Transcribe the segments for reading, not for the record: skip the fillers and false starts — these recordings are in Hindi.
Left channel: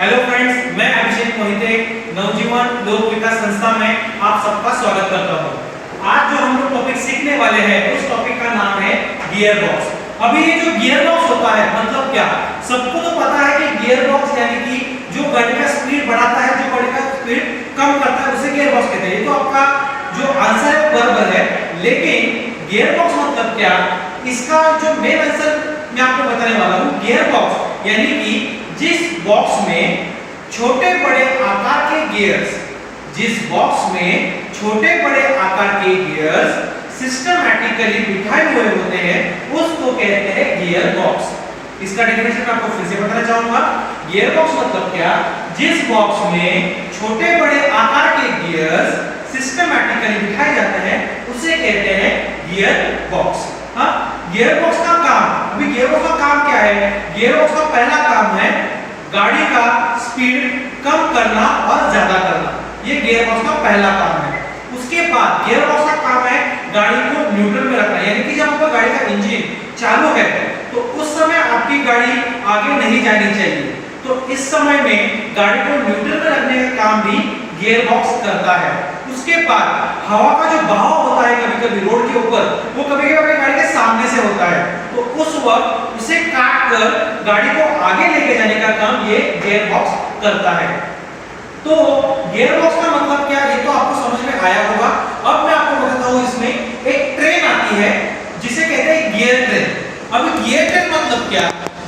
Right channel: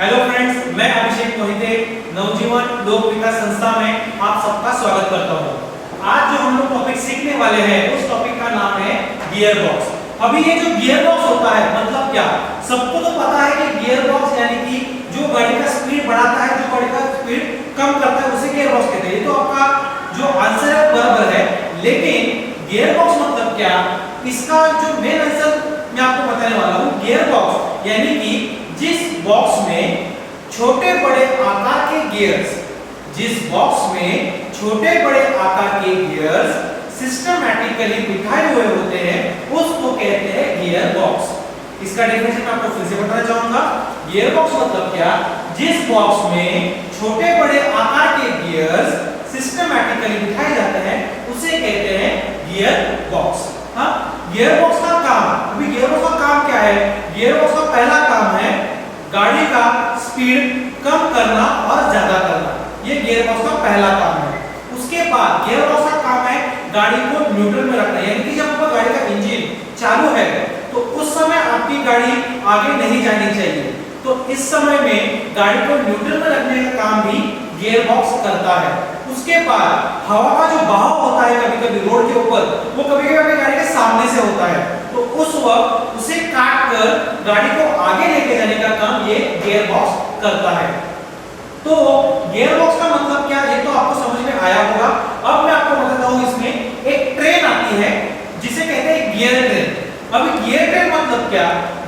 हेलो फ्रेंड्स, मैं अभिषेक मोहिते नवजीवन लोक विकास संस्था में आप सबका स्वागत करता हूं। आज जो हम लोग टॉपिक सीखने वाले हैं उस टॉपिक का नाम है गियर बॉक्स। अभी ये जो गियर बॉक्स होता है मतलब क्या, सबको तो पता है कि गियर बॉक्स यानी कि जो गाड़ी का स्पीड बढ़ाता है, जो गाड़ी का स्पीड कम करता है उसे गियर बॉक्स कहते हैं। ये तो आपका जो आंसर है वो बराबर है, लेकिन गियर बॉक्स मतलब क्या, इसका जो मेन आंसर मैं आपको बताने वाला हूँ। गियर बॉक्स यानी कि जिस बॉक्स में छोटे बड़े आकार के गियर्स, जिस बॉक्स में छोटे बड़े आकार के गियर्स सिस्टमैटिकली बिठाए हुए होते हैं उसको कहते हैं गियर बॉक्स। इसका डेफिनेशन मैं आपको फिर से बताना चाहूंगा। गियर बॉक्स मतलब क्या, जिस बॉक्स में छोटे बड़े आकार के गियर्स सिस्टमैटिकली बिठाए जाते हैं उसे कहते हैं गियर बॉक्स। हाँ, गियर बॉक्स का काम, अभी गियर बॉक्स का काम क्या है? गियर बॉक्स का पहला काम है गाड़ी का स्पीड कम करना और ज्यादा करना, ये गियर बॉक्स का पहला काम है। उसके बाद गियर बॉक्स का काम है गाड़ी को न्यूट्रल में रखना, यानी कि जब आपका गाड़ी का इंजन चालू है तो उस समय आपकी गाड़ी आगे नहीं जानी चाहिए, तो इस समय में गाड़ी को न्यूट्रल में रखने का काम भी गियर बॉक्स करता है। उसके बाद हवा का जो बहाव होता है कभी कभी रोड के ऊपर, वो कभी कभी अपनी गाड़ी के सामने से होता है, तो उस वक्त उसे काट कर गाड़ी को आगे लेके जाने का काम ये गियर बॉक्स करता है। तो गियर बॉक्स का मतलब क्या, ये तो आपको समझ में आया होगा। अब मैं आपको बताता हूँ, इसमें एक ट्रेन आती है जिसे कहते हैं गियर ट्रेन। अब गियर ट्रेन मतलब क्या,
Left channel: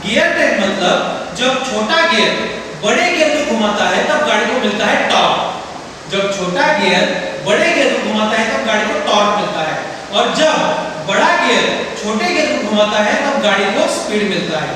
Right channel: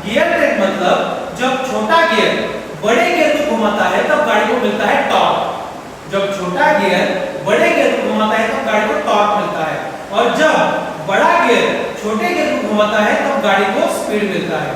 गियर ट्रेन मतलब जब छोटा गियर बड़े गियर को घुमाता है तब गाड़ी को मिलता है टॉर्क। जब छोटा गियर बड़े गियर को घुमाता है तब गाड़ी को टॉर्क मिलता है, और जब बड़ा गियर छोटे गियर को घुमाता है तब गाड़ी को स्पीड मिलता है।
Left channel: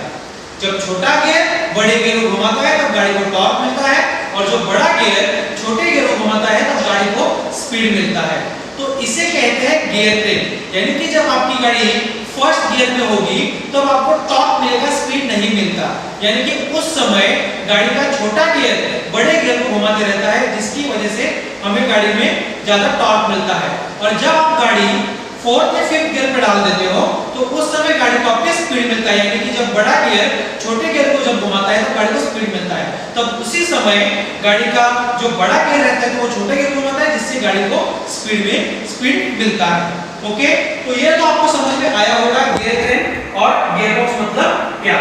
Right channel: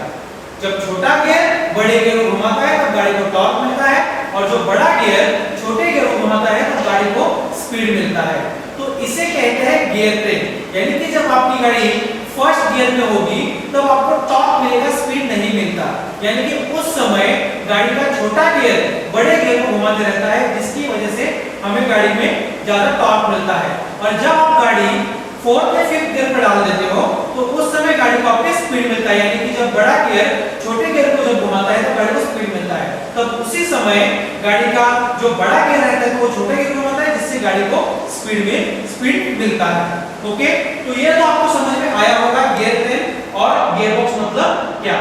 जब छोटा गियर बड़े गियर को घुमाता है तब गाड़ी को टॉर्क मिलता है, और जो बड़ा गियर छोटे गियर को घुमाता है तब गाड़ी को स्पीड मिलता है। तो इसे कहते हैं गियर ट्रेन। यानी कि जब आपकी गाड़ी फर्स्ट गियर में होगी तब आपको टॉर्क मिलेगा, स्पीड नहीं मिलता, यानी कि उस समय गाड़ी का छोटा गियर बड़े गियर को घुमाते रहता है, जिसकी वजह से हमें गाड़ी में ज्यादा टॉर्क मिलता है। और जब आप गाड़ी फोर्थ या फिफ्थ गियर पे डाल देते हो तो उस समय गाड़ी को आपके स्पीड मिलता है, यानी कि जब बड़ा गियर छोटे गियर को जब घुमाता है तो गाड़ी को स्पीड मिलता है, तब उसी समय गाड़ी का जो बड़ा गियर रहता है तो वो छोटे गियर को घुमाता है, जिससे गाड़ी को स्पीड मिलता है। ओके, तो ये तो आपको समझ में आया होगा गियर ट्रेन और गियर बॉक्स मतलब क्या।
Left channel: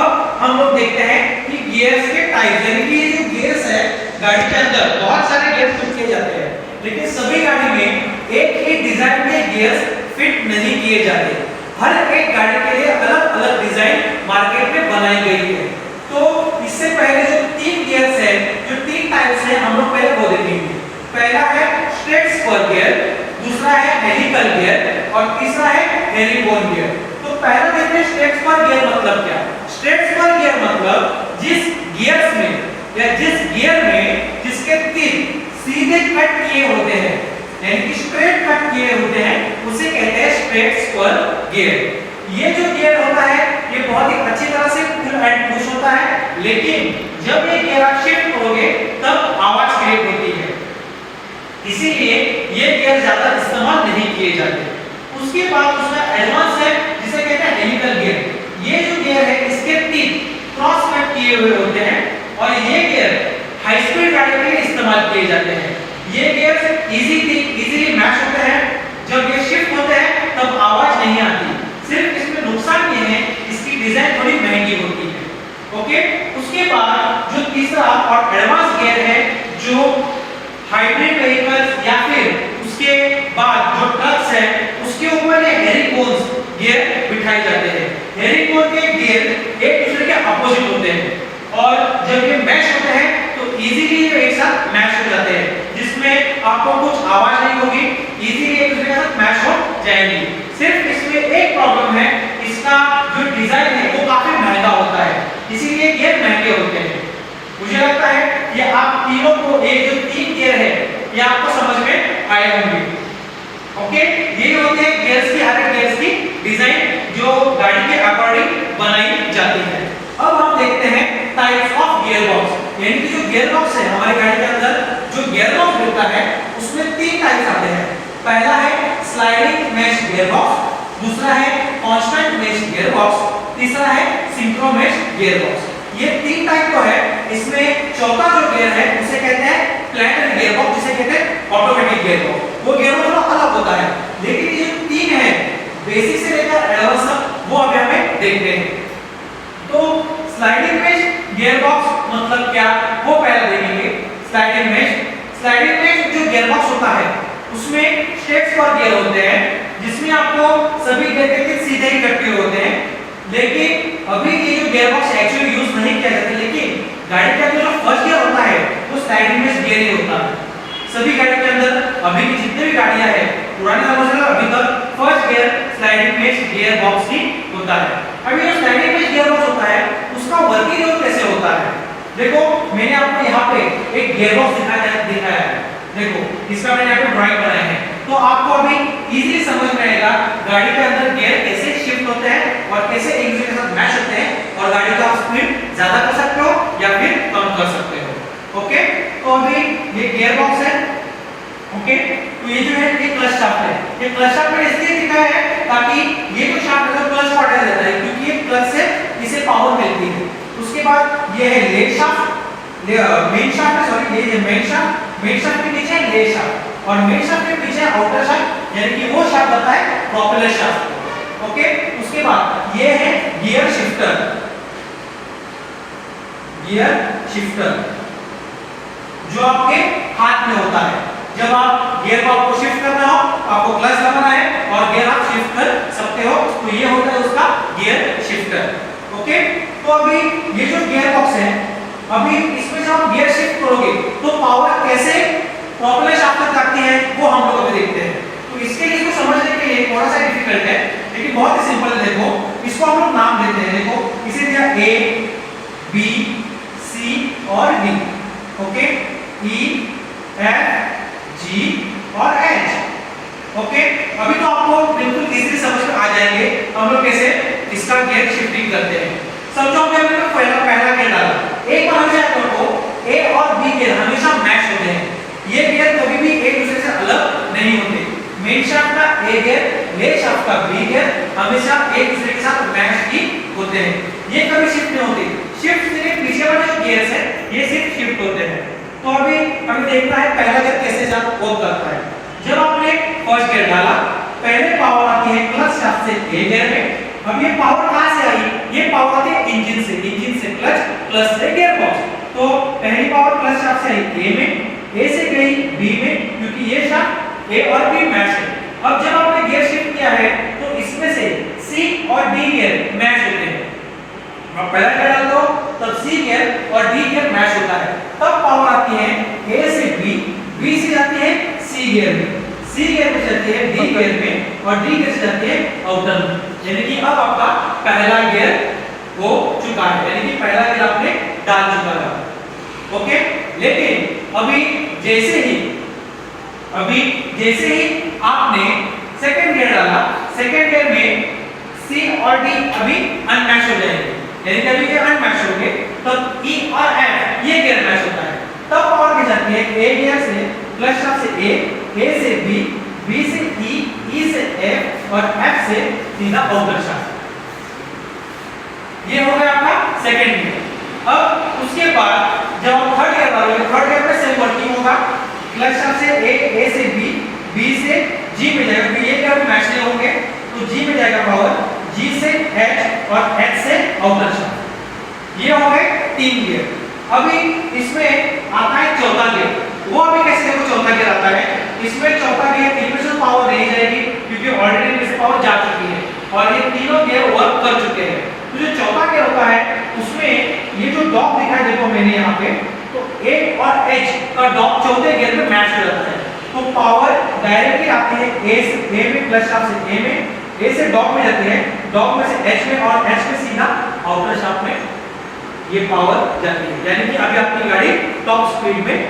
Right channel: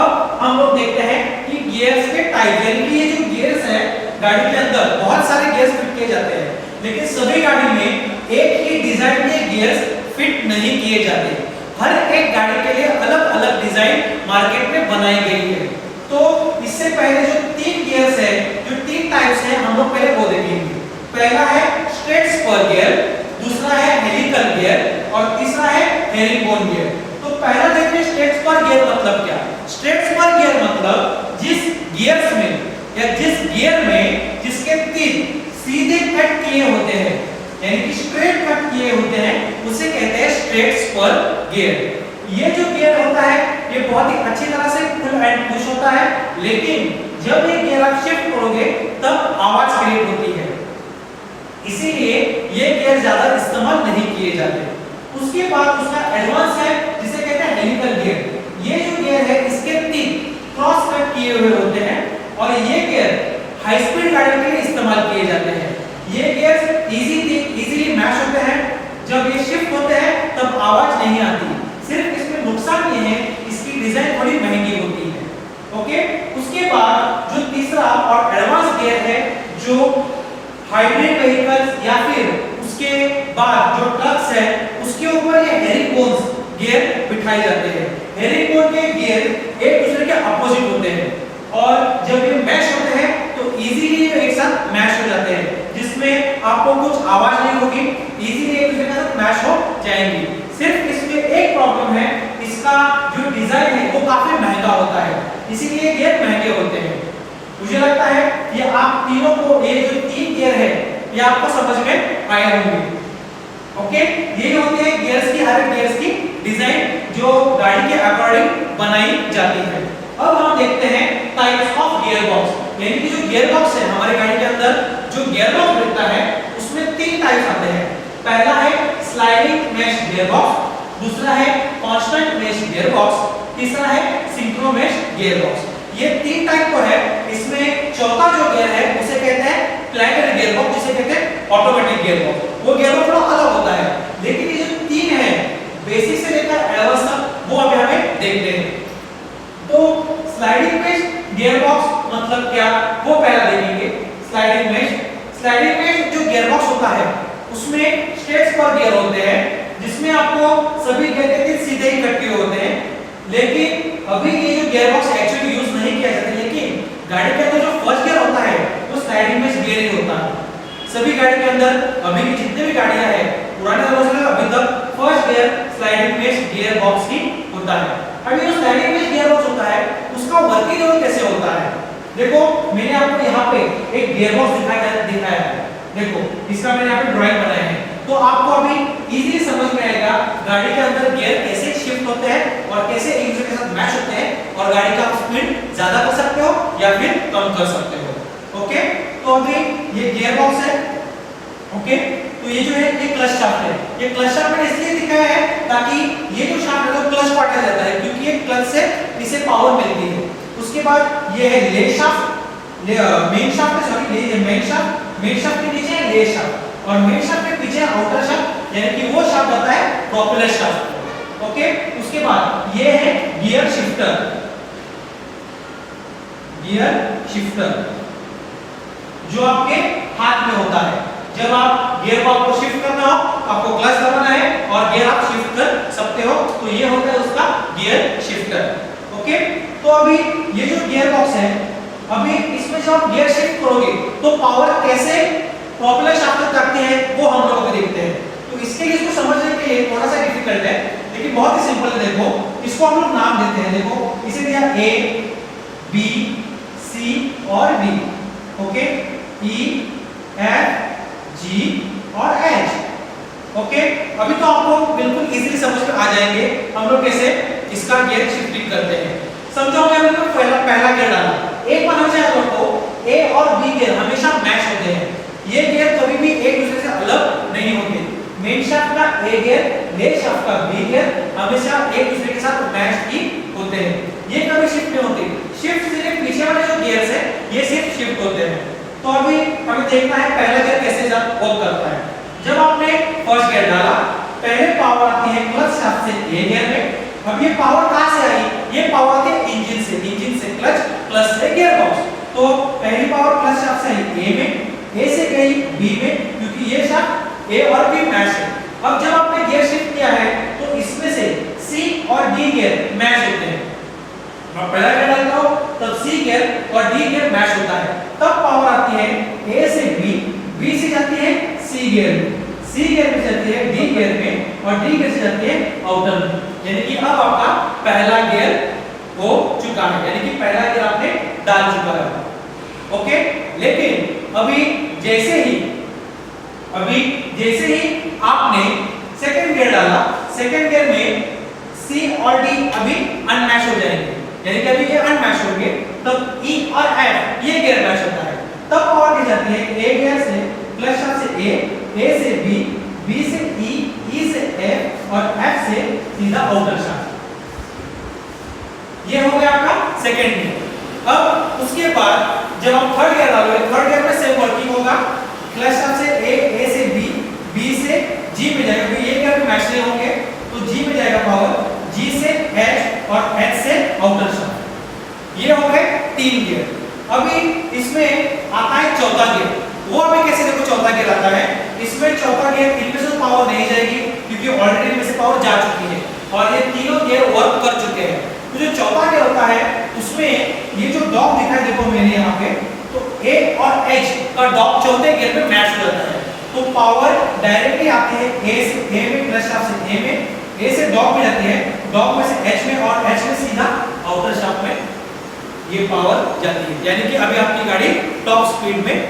अब हम लोग देखते हैं कि गियर्स के टाइप, यानी कि ये जो गियर्स है गाड़ी के अंदर बहुत सारे गियर्स फिट किए जाते हैं, लेकिन सभी गाड़ी में एक ही डिजाइन के गियर्स फिट नहीं किए जाते। हर एक गाड़ी के लिए अलग अलग डिजाइन मार्केट में बनाई गई है। तो इससे पहले जो तीन गियर्स है, जो तीन टाइप्स हैं, हम लोग पहले वो देखेंगे। पहला है स्ट्रेट स्पर गियर, दूसरा है हेलिकल गियर और तीसरा है हेरिंगबोन गियर। तो पहला देखिए स्ट्रेट स्पर गियर मतलब क्या। स्ट्रेट स्पर गियर मतलब जिस गियर्स में या जिस गियर में जिसके तीन सीधे कट किए होते हैं, यानी कि स्ट्रेट कट किए होते हैं, उसे कहते हैं स्ट्रेट स्पर गियर। ये जो गियर होता है ये बहुत ही अच्छी तरह से पुल एंड पुश होता है, लेकिन जब ये गियर आप शिफ्ट करोगे तब आवाज क्रिएट होती है, इसीलिए ये गियर ज्यादा इस्तेमाल नहीं किए जाते। उसके बाद उसका एडवांस है जिसे कहते हैं हेलिकल गियर। ये जो गियर है इसके तीन क्रॉस कट किए हुए होते हैं और ये गियर हाई स्पीड गाड़ी के लिए इस्तेमाल किए जाते हैं। ये गियर इजीली मैच होते हैं, जब ये शिफ्ट होते हैं तब आवाज नहीं आती। सिर्फ इसमें नुकसान ये है इसकी डिजाइन थोड़ी महंगी होती है। ओके, उसके बाद जो तीसरा और एडवांस गियर है, जो हाइब्रिड व्हीकल्स या फिर उसके बाद जो ट्रक्स है उसके ऊपर ये हेरिंगबोन गियर बिठाए जाते हैं। हेरिंगबोन के गियर एक दूसरे के अपोजिट होते हैं और जब ये मैच होते हैं तो इजीली एक साथ मैच हो जाते हैं, जिसमें आपको कुछ आवाज नहीं होगी, इजीली एक दूसरे के साथ मैच हो जाएंगे। सिर्फ इसमें एक प्रॉब्लम है, इसका जो डिजाइन है वो काफी महंगा होता है, इसीलिए गियर महंगे होते हैं। मुझे लगता है ये आप तीनों को, ये जो तीन गियर है ये आपको समझ में आए होंगे। ओके, ये होते हैं गियर्स की, हर एक गियर्स की डिजाइन जो गाड़ी के अकॉर्डिंग बनाई जाती है। अब हम देखते हैं टाइप्स ऑफ गियर बॉक्स, यानी कि जो गियर बॉक्स है हमारी गाड़ी के अंदर जो गियर बॉक्स रहता है उसमें तीन टाइप्स आते हैं। पहला है स्लाइडिंग मेश गियर बॉक्स, दूसरा है कांस्टेंट मेश गियर बॉक्स, तीसरा है सिंक्रो मेश गियर बॉक्स। ये तीन टाइप तो है, इसमें चौथा जो गियर है उसे कहते हैं प्लैनेटरी गियर बॉक्स, जिसे कहते हैं ऑटोमेटिक गियर बॉक्स। वो गियर बॉक्स थोड़ा अलग होता है, लेकिन ये जो तीन है बेसिक से लेकर एडवांस तक वो अभी हमें देखते हैं। तो स्लाइडिंग मेश गियर बॉक्स मतलब क्या, वो पहले देखेंगे। स्लाइडिंग मेश जो गियर बॉक्स होता है उसमें स्टेप्स पर गियर होते हैं, जिसमें आपको सभी गियर के सीधे ही कटे होते हैं। लेकिन अभी ये जो गियर बॉक्स एक्चुअली यूज नहीं किया जाता, लेकिन गाड़ी के अंदर जो फर्स्ट गियर होता है वो स्लाइडिंग मेश गियर ही होता है। सभी गाड़ी के अंदर अभी की जितनी भी गाड़ियां हैं पुराने जमाने से अभी तक first gear sliding mesh gear box ही होता है। अभी जो स्लाइडिंग मेश गियर बॉक्स होता है उसका वर्किंग कैसे होता है, देखो मैंने आपको यहाँ पे एक गियर बॉक्स दिखाया है। देखो इसका मैंने यहाँ पे ड्राइंग बनाया है, तो आपको अभी इजीली समझ में आएगा गाड़ी के अंदर गियर कैसे शिफ्ट होते हैं और कैसे एक दूसरे के साथ मैच होते हैं, और गाड़ी का स्पीड ज्यादा कर सकते हो या फिर कम कर सकते हो। ओके, तो अभी ये गियर बॉक्स है। ओके, तो ये जो है ये क्लच शाफ्ट है। ये क्लच शाफ्ट मैंने इसलिए दिखाया है ताकि ये जो शाफ्ट है क्लच पार्ट आ जाता है, क्योंकि ये क्लच से इसे पावर मिलती है। उसके बाद ये है लेग शाफ्ट, मेन शाफ्ट है, सॉरी ये मेन शाफ्ट के नीचे है लेग शाफ्ट, और मेन शाफ्ट के पीछे आउटर शाफ्ट, यानी कि वो शाफ्ट आता है प्रोपेलर शाफ्ट। ओके, उसके बाद ये है गियर शिफ्टर जो आपके हाथ में होता है। जब आप गियर को आपको शिफ्ट करना हो, आपको क्लच दबाना है और गियर आप शिफ्ट कर सकते हो, तो ये होता है उसका गियर शिफ्टर। ओके, तो अभी ये जो गियर बॉक्स है, अभी इसमें जब आप गियर शिफ्ट करोगे तो पावर कैसे प्रोपेलर शाफ्ट तक जाती है वो हम लोग अभी देखते हैं। तो इसके लिए इसको समझने के लिए थोड़ा सा डिफिकल्ट है, लेकिन बहुत ही सिंपल है। देखो इसको हम लोग नाम देते हैं। देखो इसे दिया ए, बी, सी और डी। ओके, ई, एफ, जी और एच। ओके, अभी तो आपको बिल्कुल इजीली समझ में आ जाएंगे हम लोग कैसे इसका गियर शिफ्टिंग करते हैं। समझो मैं हमने पहला गियर डाला, एक बार हमेशा आपको ए और बी गियर हमेशा मैच होते हैं। ये गियर कभी भी एक दूसरे से अलग नहीं होते। मेन शाफ्ट का ए गियर, लेग शाफ्ट का बी गियर हमेशा एक दूसरे के साथ मैच ही होते हैं। ये कभी शिफ्ट नहीं होते। शिफ्ट सिर्फ पीछे वाले जो गियर्स है ये सिर्फ शिफ्ट होते हैं। तो अभी देखना है पहला गियर कैसे वर्क करता है। जब आपने फर्स्ट गियर डाला, पहले पावर आती है क्लच शाफ्ट से ए गियर में। अब ये पावर कहां से आई, ये पावर आती है इंजन से क्लच, क्लच से गियर बॉक्स। तो पहली पावर क्लच शाफ्ट से आई ए में, ए से गई बी में, क्योंकि ये शाफ्ट ए और बी मैच है। अब जब आपने गियर शिफ्ट किया है तो इसमें से सी और डी गियर मैच होते हैं। आप पहला गियर डालते हो तब सी गियर और डी गियर मैच होता है, तब पावर आती है ए से बी, बी से जाती है सी गियर में, सी गियर में जाती है डी गियर में, और डी गियर से जाती है आउटर में। यानी कि अब आपका पहला गियर हो चुका है, यानी कि पहला गियर आपने डाल चुका है। ओके, लेकिन अभी जैसे ही आपने सेकंड गियर डाला, सेकंड गियर में सी और डी अभी अनमैच हो जाएंगे, यानी कि अभी ये अनमैच होंगे, तब ई और एफ ये गियर मैच होता है। तब पावर की जाती है ए गियर से क्लच शाफ्ट से ए से बी, बी से ई से एफ और एफ से सीधा आउटर शाफ्ट। ये हो गया आपका सेकंड गियर। अब उसके बाद जब आप थर्ड गियर डालोगे, थर्ड गियर में सेम वर्किंग होगा। क्लच शाफ्ट से ए से बी से जी में जाएगा, क्योंकि ये गियर में मैच नहीं होंगे, तो जी में जाएगा पावर, जी से एच और एच से आउटर शाफ्ट। ये हो गए तीन गियर। अभी इसमें आता है चौथा गियर। वो अभी कैसे देखो चौथा गियर आता है। इसमें चौथा गियर इनमें से पावर नहीं जाएगी, क्योंकि ऑलरेडी इनमें से पावर जा चुकी है और ये तीनों गियर वर्क कर चुके हैं। तो जो चौथा गियर होता है उसमें ये जो डॉग दिखाई देखो मैंने यहाँ पे, तो ए और एच का डॉग चौथे गियर में मैच हो जाता है। तो पावर डायरेक्टली आती है ए में, क्लच शाफ्ट से ए में, ए से डॉग में जाती है, डॉग में से एच में और एच में सीधा आउटर शाफ्ट में ये पावर जाती है। यानी कि अभी आपकी गाड़ी टॉप स्पीड में है।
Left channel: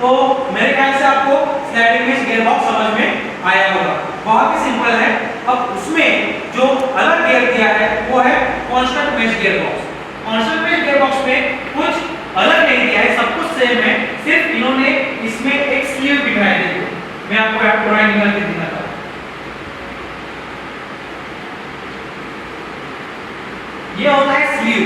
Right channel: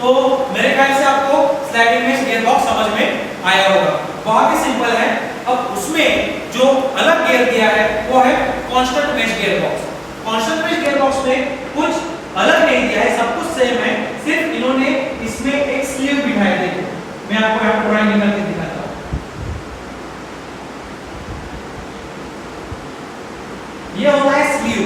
तो मेरे ख्याल से आपको स्लाइडिंग मेश गियर बॉक्स समझ में आया होगा, बहुत ही सिंपल है। अब उसमें जो अलग गियर दिया है वो है constant mesh gear box. Constant mesh gear box में कुछ अलग नहीं दिया है, सब कुछ सेम है, सिर्फ इन्होंने इसमें एक स्लीव बिठाया है। देखो मैं आपको यहाँ ड्राइंग निकाल के दिखाता हूँ। ये होता है स्लीव।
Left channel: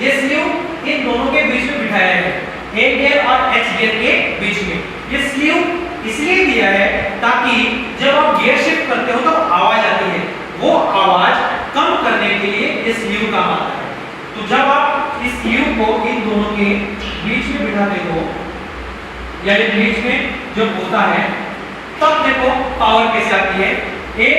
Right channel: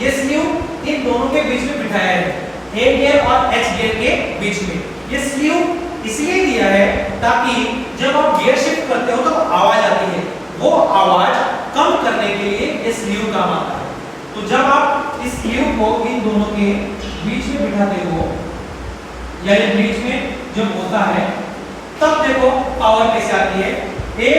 ये स्लीव इन दोनों के बीच बीच में बिठाया है, ए गियर और एच गियर के बीच में। ये स्लीव इसलिए दिया है ताकि जब आप गियर शिफ्ट करते हो तो आवाज आती है, वो आवाज कम करने के लिए ये स्लीव काम आता है। तो जब आप इस स्लीव को इन दोनों के बीच में बिठाते हो या ये बीच में जब होता है तब देखो पावर कैसे आती है, ए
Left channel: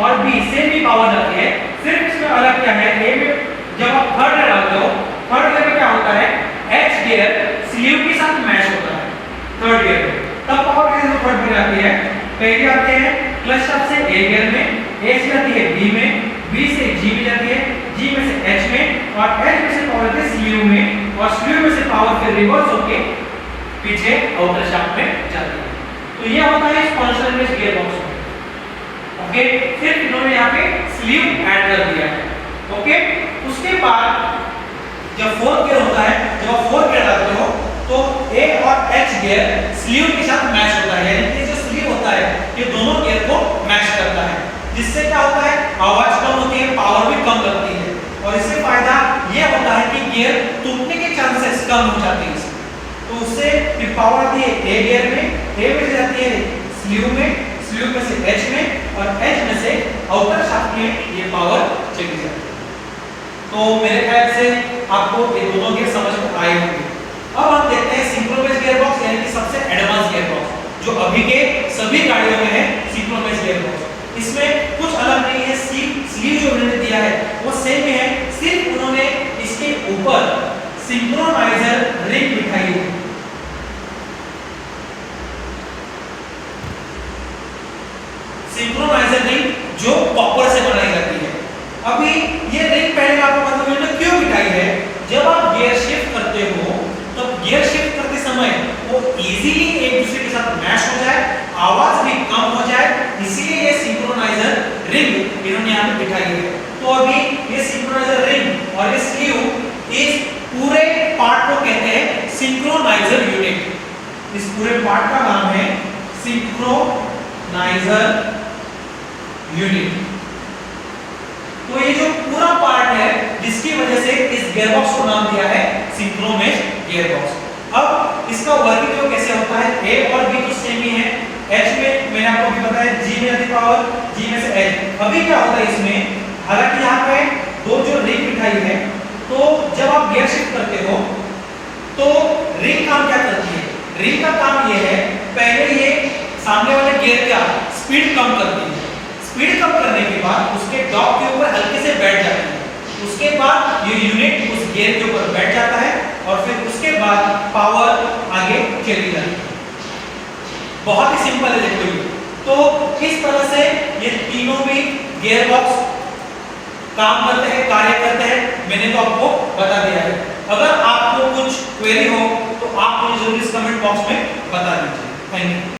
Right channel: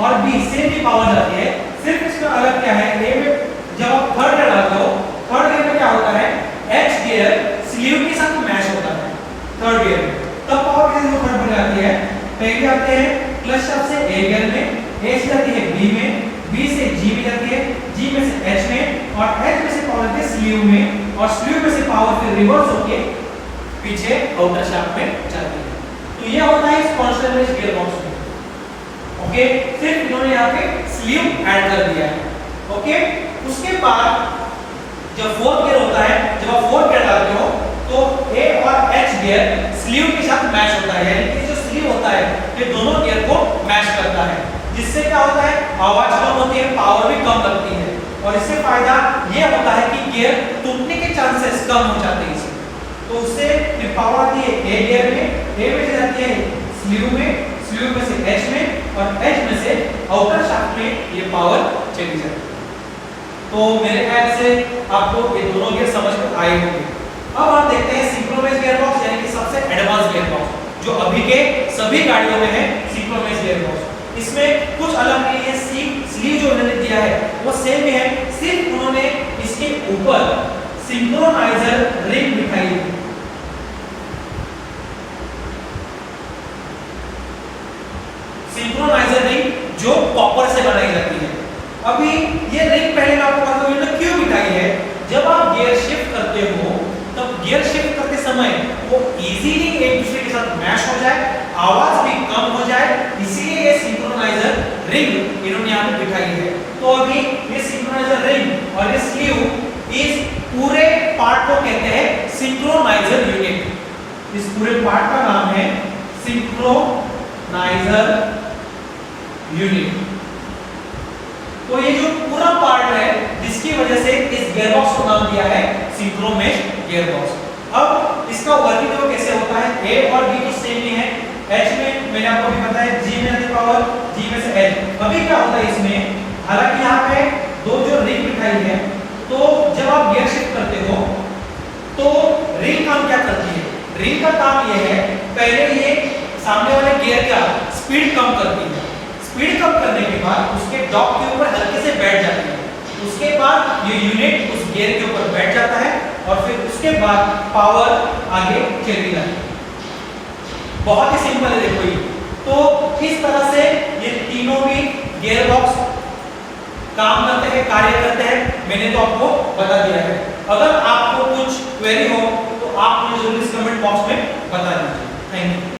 और बी से भी पावर जाती है, सिर्फ इसमें अलग क्या है, ए में जब आप थर्ड गियर डालते हो, थर्ड गियर में क्या होता है, एच गियर स्लीव के साथ मैच होता है थर्ड गियर में, तब पावर कैसे थर्ड में आती है, पहले आते हैं क्लच शॉट से ए गियर में, ए से जाती है बी में, बी से जी में जाती है, जी में से एच में, और एच में से पावर आती है स्लीव में, और स्लीव में से पावर फिर रिवर्स होके पीछे आउटर शाफ्ट में जाती है। तो ये होता है इस कॉन्स्टेंट गियर बॉक्स में। ओके, सिर्फ इन्होंने यहाँ पे स्लीव ऐड कर दिया है। ओके, उसके बाद जब फोर्थ गियर होता है, जब आप फोर्थ गियर डालते हो तो ए और एच गियर स्लीव के साथ मैच होता है, यानी कि जो स्लीव होता है ये दोनों गियर को मैच करता है, जिससे क्या होता है, आवाज कम होती है, पावर भी कम लगती है, और इससे फायदा ये होता है कि गियर टूटने के चांसेस कम हो जाते हैं। तो उससे फिर पावर आती है ए गियर में, ए में जाती है स्लीव में, स्लीव में से एच में, और एच में से आउटर शाफ्ट में ये पावर चली जाती है। तो मेरे ख्याल से आपको ये दोनों गियर समझ में आए होंगे। अब हम देखते हैं सिंक्रोनाइज गियर बॉक्स, यानी कि सबसे एडवांस गियर बॉक्स जो अभी के सभी गाड़ियों में है, सिंक्रोनाइज गियर बॉक्स। इसमें कुछ अलग नहीं है, स्लीव जो उन्होंने दिया है वो सेम है, सिर्फ उन्होंने इसके ऊपर सिंक्रोनाइजर रिंग दिखाई है। सिंक्रोनाइजर रिंग जो कॉपर से बनाई जाती है। अभी ये रिंग पहले आपको पता होगा क्यों बिठाई है, जब आप गियर शिफ्ट करते हो तब गियर शिफ्ट करते समय वो इजीली एक दूसरे के साथ मैच हो जाए, आवाज भी कम हो जाए, इसीलिए ये सिंक्रोनाइजर रिंग इन्होंने यहाँ पे बिठाई है। तो अभी ये सिंक्रोनाइजर रिंग और ये स्लीव इस पूरे पार्ट को कहते हैं सिंक्रोनाइजर यूनिट। इस पूरे पार्ट का नाम है सिंक्रोनाइजर यूनिट। तो ये जो पूरा पार्ट है जिसकी वजह से इस गियरबॉक्स को नाम दिया है सिंक्रोमेश गियरबॉक्स। अब इसका वर्किंग जो कैसे होता है, ए और बी तो सेम ही है, एच में मैंने आपको भी बताया जी में आती पावर, जी में से एच। अभी क्या होता है इसमें, हालांकि यहाँ पे दो जो रिंग बिठाई है, तो जब आप गियर शिफ्ट करते हो तो रिंग काम क्या करती है, रिंग का काम ये है, पहले ये सामने वाले गियर का स्पीड कम करती है, स्पीड कम करने के बाद उसके डॉग के ऊपर हल्के से बैठ जाती है, उसके बाद ये यूनिट उस गियर के ऊपर बैठ जाता है और फिर उसके बाद पावर आगे चली जाती है। बहुत ही सिंपल है देखो ये। तो इस तरह से ये तीनों भी गियर बॉक्स काम करते हैं, कार्य करते हैं, मैंने तो आपको बता दिया है। अगर आपको कुछ क्वेरी हो तो आप मुझे जरूर इस कमेंट बॉक्स में बता दीजिए। Thank you.